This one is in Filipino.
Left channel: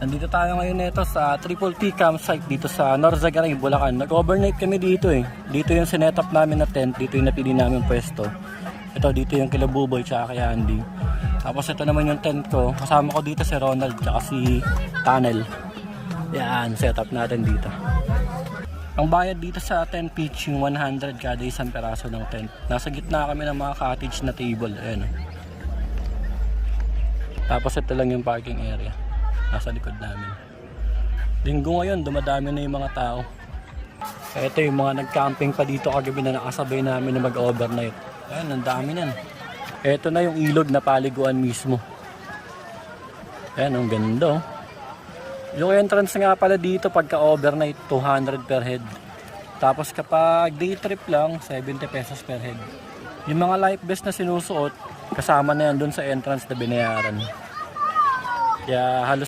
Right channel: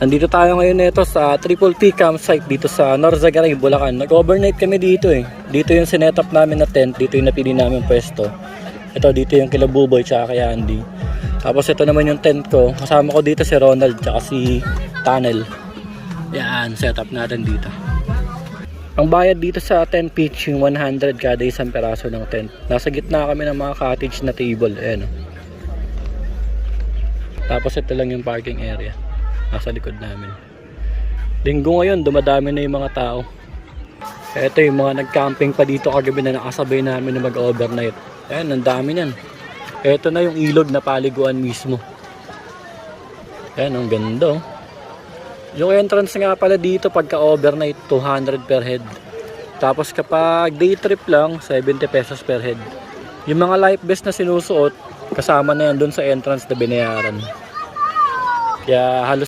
Nandito tayo ngayon nito sa Triple P campsite dito sa Norzagaray, Bulacan. Nag-overnight kami dito eh. Dito yung sinetup namin na tent, dito yung napili namin pwesto. Ito dito yung kila Buboy tsaka kay Andy. Tapos ito naman yung tent ko. Kasama ko dito si Ronald tsaka si Tunnel. Yan, setup natin dito. Ang bayad dito sa tent pitch yung 100 kada isang peraso ng tent. Nasa gitna kami ng mga cottage na table. Ayan. Tapos ito lang yung parking area. Nasa likod namin. Linggo ngayon, dumadami na yung mga tao. Ito yung mga nag-camping pa dito kagabi na nakasabay namin na mag-overnight. Ayan, ang dami niyan. Ito na yung ilog na paliguan mismo. Ayan, ang ganda oh. Yung entrance nga pala dito pagka overnight, 200 per head. Tapos kapag day trip lang, 70 pesos per head. Yung mga life vest na sinusuot, kasama na yan dun sa entrance na binayaran. Kaya halos